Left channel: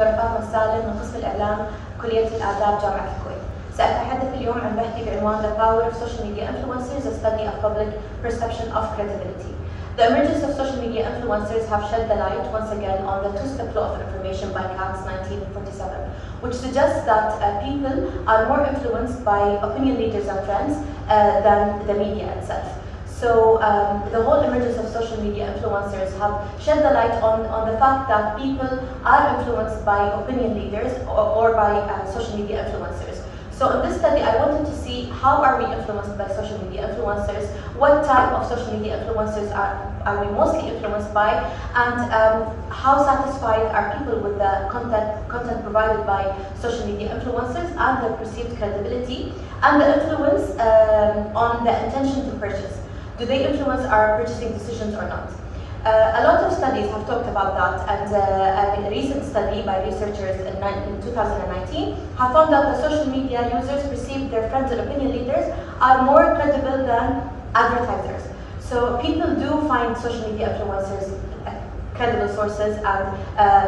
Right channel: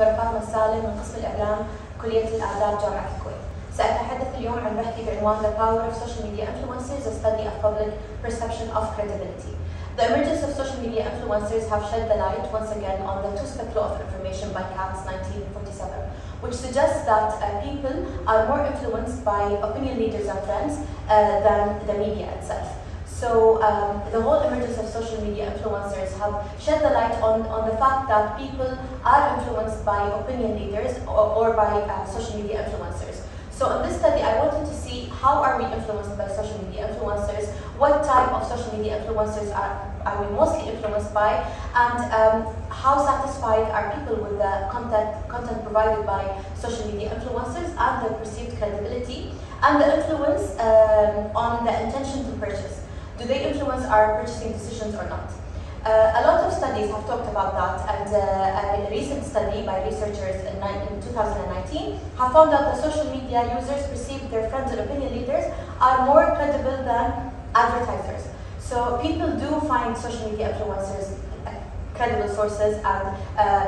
دكتورة فاطمة AlSalem من قسم الإعلام كلية الآداب جامعة الكويت. سأتحدث اليوم عن بحثي بعنوان The Power of Social Media Influencers, a Study of Public Perception of Credibility. The emergence of social media influencers have shed the light once again on the two-step flow of information by Counts 1947, which suggests that people are more influenced by opinion leaders and trends than the media itself. So the whole emergence of social media influencers have shed the light on the fact that people are influenced by opinion leaders or by social media influencers. So in this study, I wanted to see how are we influenced by social media influencers, what type of social media influencers are we mostly influenced by, and how satisfied are people with the content provided by social media influencers and the perceived credibility and the influence on the intention to purchase. Do they influence our purchasing decisions or not? A lot of studies have talked about that, and a recent study by researchers in 2019 have found that the social media users perceive their friends and opinion leaders are more credible than advertisers. So people do find social media influencers credible sources and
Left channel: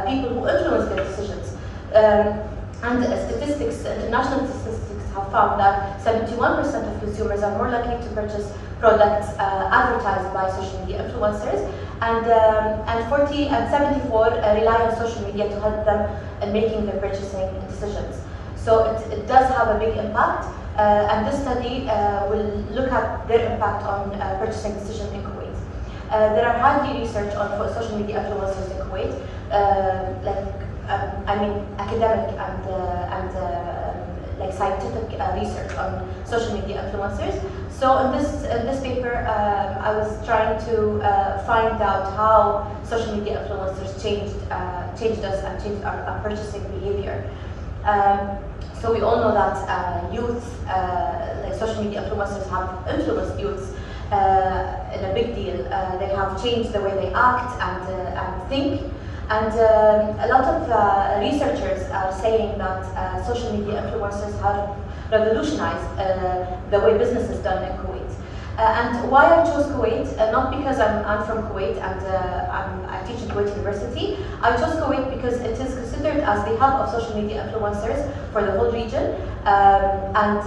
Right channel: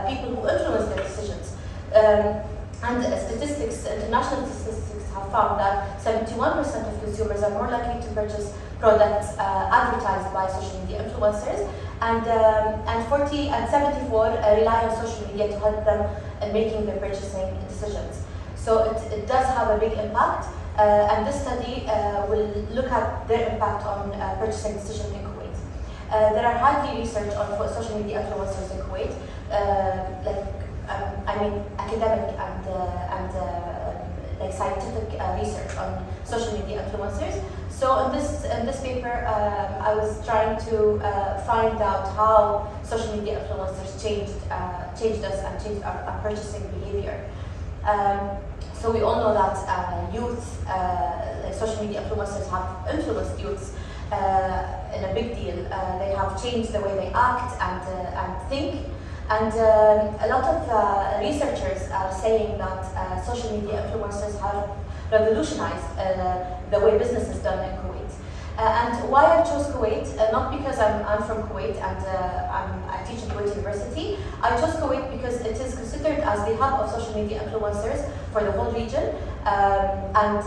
people who influence their decisions. And statistics, international statistics have found that 71% of consumers are more likely to purchase products advertised by social media influencers, and 74 rely on social media to help them in making their purchasing decisions. So it does have a big impact, and this study will look at their impact on purchasing decisions in Kuwait. There are hardly research on social media influencers in Kuwait, academic and like scientific research on social media influencers. So in this paper, I was trying to find out how social media influencers changed us and changed our purchasing behavior. So we all know that youth, like social media influencers, have influenced youths in a big deal. They have changed the way they act and think. And a lot of researchers are saying that social media influencers have revolutionized the way business is done in Kuwait. And why I chose Kuwait, not because I'm from Kuwait and I teach at Kuwait University. I chose Kuwait because it is considered as the hub of social media influencers for the whole region. And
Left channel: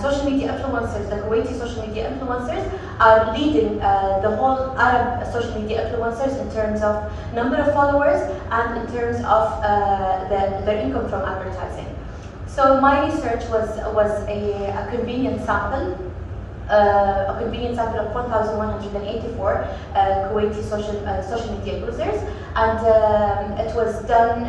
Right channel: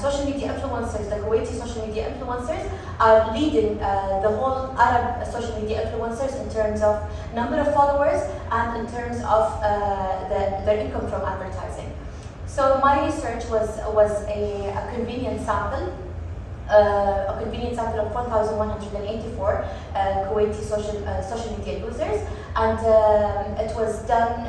social media influencers, the Kuwaiti social media influencers, are leading the whole Arab social media influencers in terms of number of followers and in terms of their income from advertising. So my research was a convenient sample. A convenient sample of 1,184 Kuwaiti social media users, and it was done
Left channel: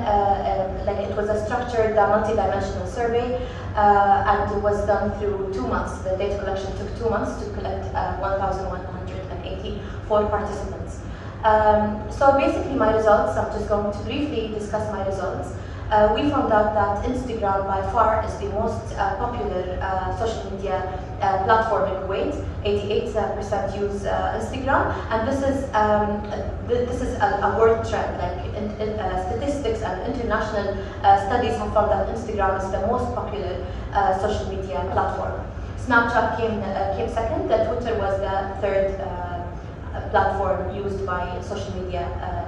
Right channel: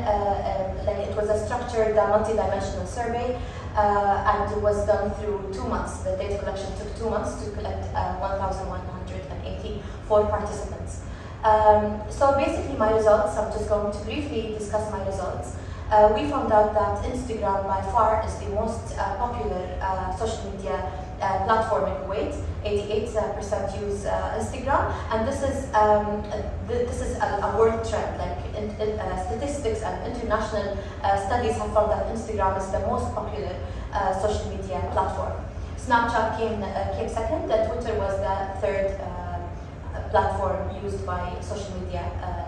it was a structured, multi-dimensional survey, and it was done through 2 months. The data collection took 2 months to collect 1,184 participants. So basically, my results. I'm just going to briefly discuss my results. We found out that Instagram by far is the most popular social media platform in Kuwait. 88% use Instagram, and this is a world trend. Like statistics and international studies have found that Instagram is the most popular social media platform. Snapchat came second. Twitter was the third platform used by social media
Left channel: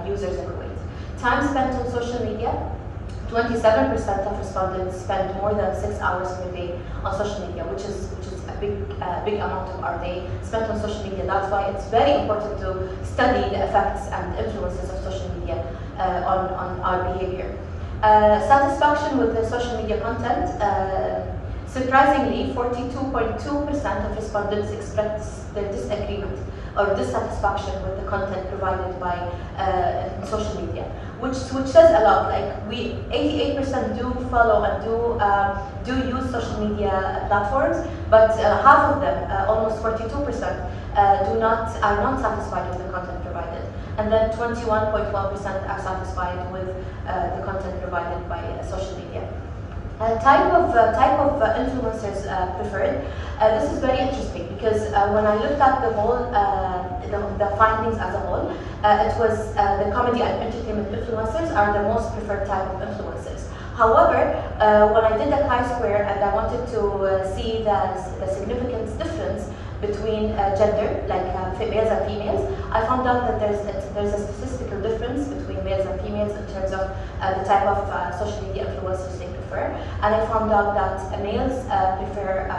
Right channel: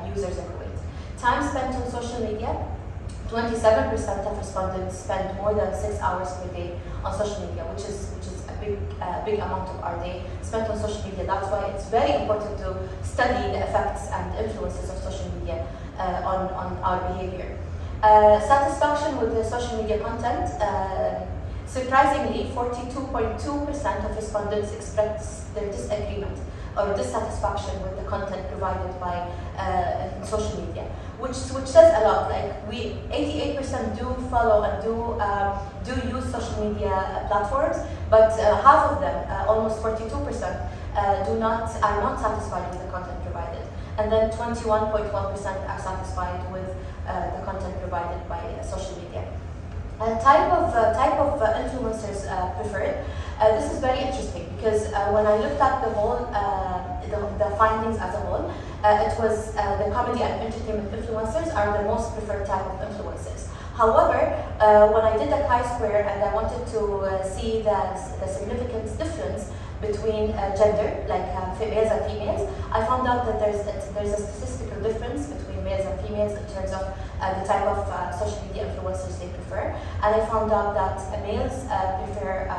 users in Kuwait. Time spent on social media. 27% of respondents spend more than 6 hours per day on social media, which is a big amount of our day spent on social media. That's why it's very important to study the effects and influences of social media on our behavior. Satisfaction with the social media content. Surprisingly, 42.2% of respondents expressed their disagreement or dissatisfaction with the content provided by social media, which says a lot. Like 88% do follow and do use social media platforms, but half of them, almost 42%, are not satisfied with the content provided, and then 21.12% are satisfied with the content provided by social media. Type of influencers preferred. This is very interesting because when I looked at the whole the findings as a whole, it was the comedy and entertainment influencers are the most preferred type of influencers. However, when I did a chi-square and I wanted to see the significant difference between gender, like males and females, I found out that there's a statistical difference between males and females in terms of the type of social media influencers they prefer, and I found out that males prefer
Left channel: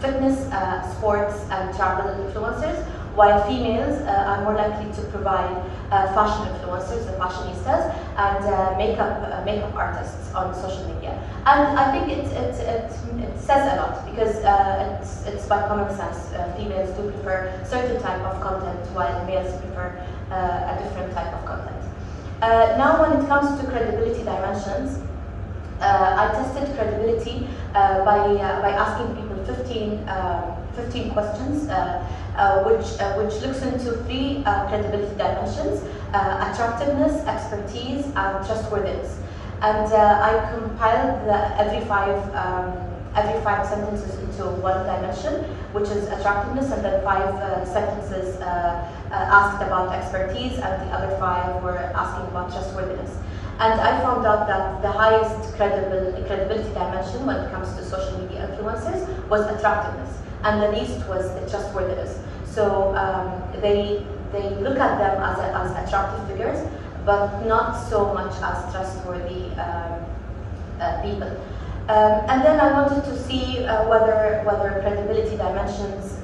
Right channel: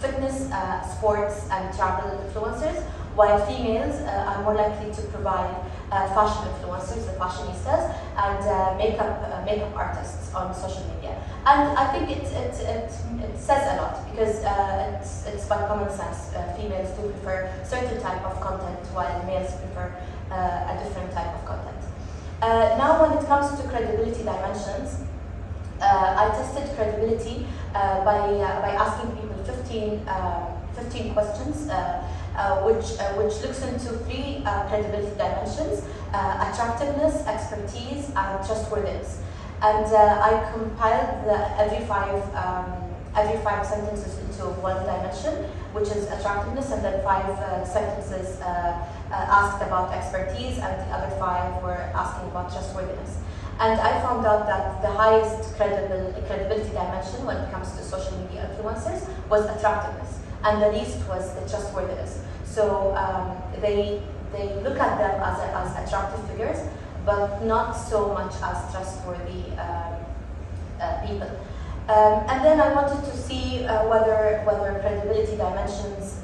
fitness, sports, and travel influencers, while females are more likely to provide fashion influencers, the fashionistas, and makeup artists on social media. And I think it says a lot, because it's by common sense. Females do prefer certain type of content, while males prefer a different type of content. Now, when it comes to credibility dimensions, I tested credibility by asking people 15 questions, which looks into 3 credibility dimensions: attractiveness, expertise, and trustworthiness. And I compiled every five sentences into one dimension, which is attractiveness, and then 5 sentences asked about expertise, and the other 5 were asking about trustworthiness. And I found out that the highest credibility dimension when it comes to social media influencers was attractiveness, and the least was the trustworthiness. So they look at them as attractive figures, but not so much as trustworthy people. And then I wanted to see whether credibility dimensions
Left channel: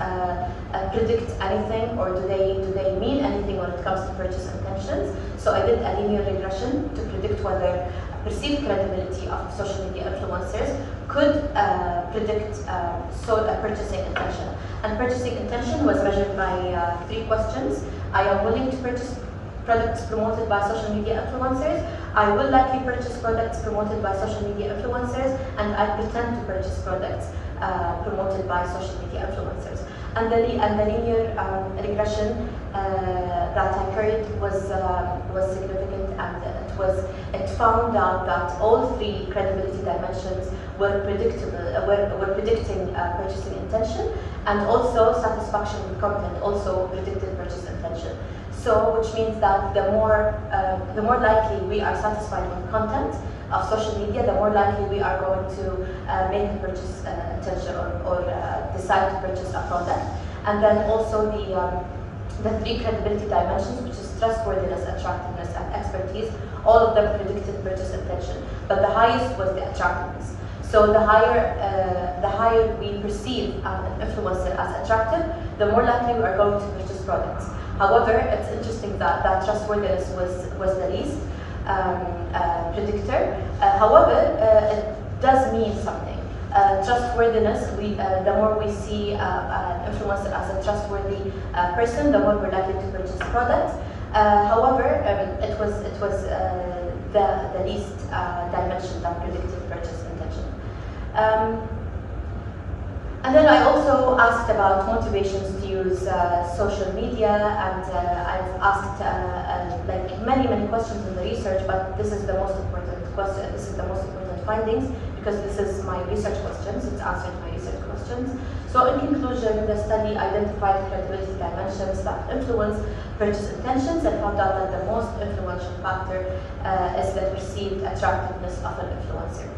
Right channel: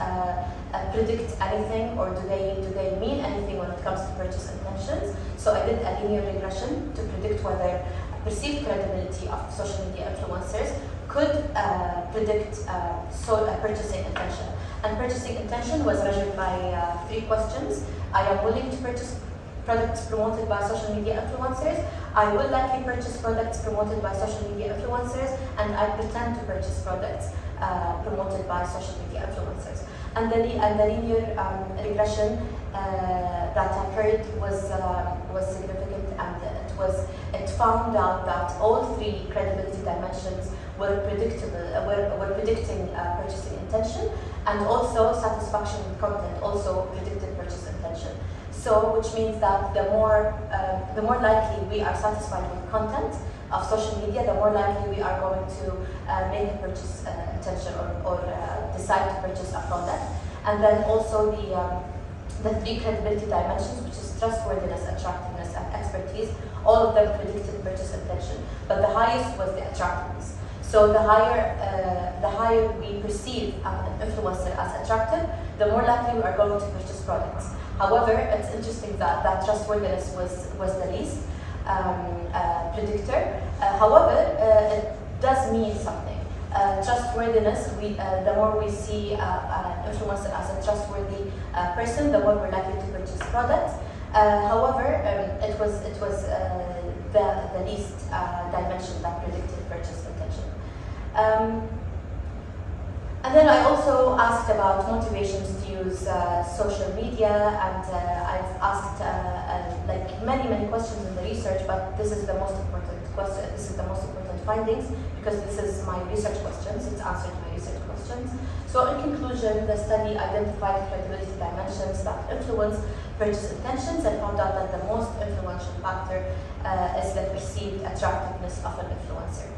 predict anything, or do they mean anything when it comes to purchase intentions. So I did a linear regression to predict whether perceived credibility of social media influencers could predict a purchasing intention. And purchasing intention was measured by 3 questions. I am willing to purchase products promoted by social media influencers, I will likely purchase products promoted by social media influencers, and I pretend to purchase products promoted by social media influencers. And the linear regression that I carried was significant, and it found out that all 3 credibility dimensions were predicting purchasing intention, and also satisfaction with content also predicted purchase intention. So, which means that the more likely we are satisfied with content of social media, the more likely we are going to make a purchase intention or decide to purchase a product. And then also the 3 credibility dimensions, which is trustworthiness, attractiveness, and expertise, all of them predicted purchase intention, but the highest was the attractiveness. So the higher we perceive an influencer as attractive, the more likely we are going to purchase products. However, it's interesting that trustworthiness was the least predictor. However, it does mean something. Trustworthiness, the more we see an influencer as a trustworthy person, the more we're likely to purchase products. However, it was the least dimension that predicted purchase intention. And then I also asked about motivations to use social media, and I've asked like many questions in the research, but this is the most important question. This is the most important findings, because this is my research questions. It's answered my research questions. So in conclusion, the study identified credibility dimensions that influence purchase intentions, and found out that the most influential factor is the perceived attractiveness of an influencer.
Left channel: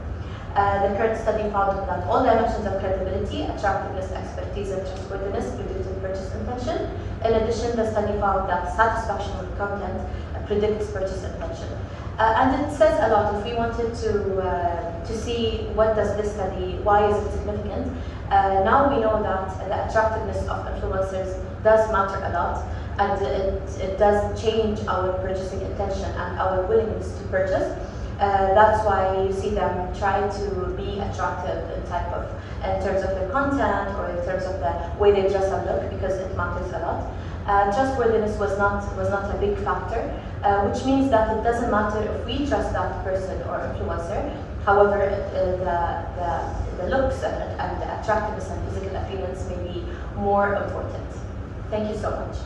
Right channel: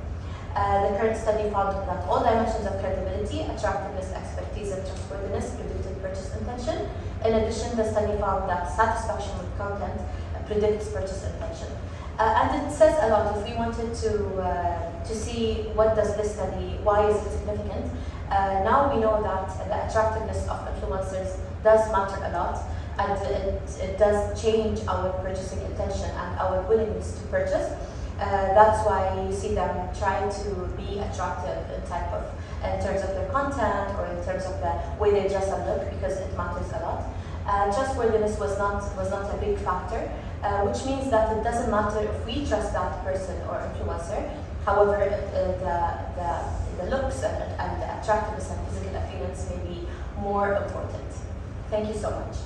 The current study found that all dimensions of credibility, attractiveness, expertise, and trustworthiness predicted purchase intention. In addition, the study found that satisfaction with content predicts purchase intention. And it says a lot. If we wanted to see what does this study, why is it significant, now we know that the attractiveness of influencers does matter a lot, and it does change our purchasing intention and our willingness to purchase. That's why you see them try to be attractive in terms of their content, or in terms of the way they dress and look, because it matters a lot. Trustworthiness was not a big factor, which means that it doesn't matter if we trust that person or influencer. However, the looks and the attractiveness and physical appearance may be more important. Thank you so much.